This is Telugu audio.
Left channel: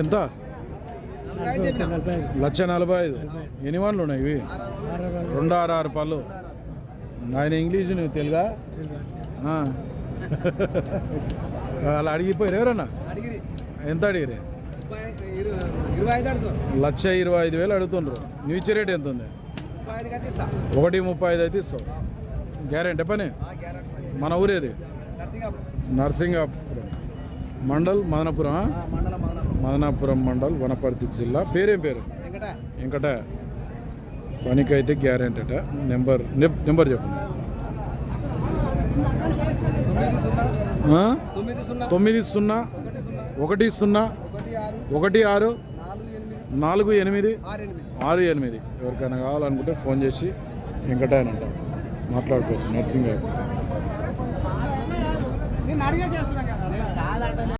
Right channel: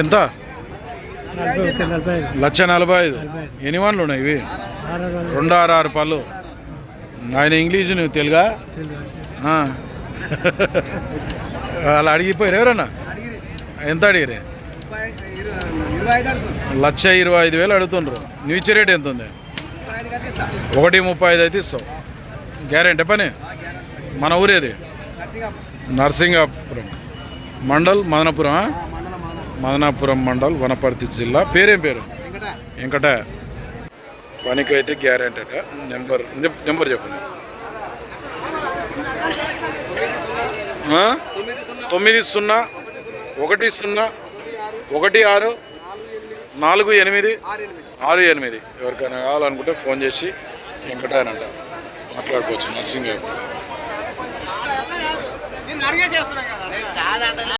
ఎంత? 1,45,000. ఎన్ని వన్లు ఉన్నాయి ఇవి? 266 పళ్ళు. ఆయన ఇంగ్లీషు నువ్వు తెలుగా? అలా అడిగిపోయారు ఎవరన్నా? ఎంత అడిగిరే? 1,25,000 అడుగుతుండ్రు. నువ్వు ఇచ్చే రేట్ ఎంత ఉంది? 1,35,000 అయితే ఇస్తావు. గ్యారెంటీ పని. మన ఊరేది? నర్సింగాపురం మండల్, మదనాపురం మండల్, వనపర్తి జిల్లా. పేరేం పేరు? వెంకట. పనికైతే గ్యారెంటీ అట. నెంబర్ చెప్పండి. 90164868. ఎవరికైనా కావాలనుకుంటే ఫోన్ చేసి వెంకట అని అంట మాట్లాడుకోవచ్చు. నర్సింగాపురం.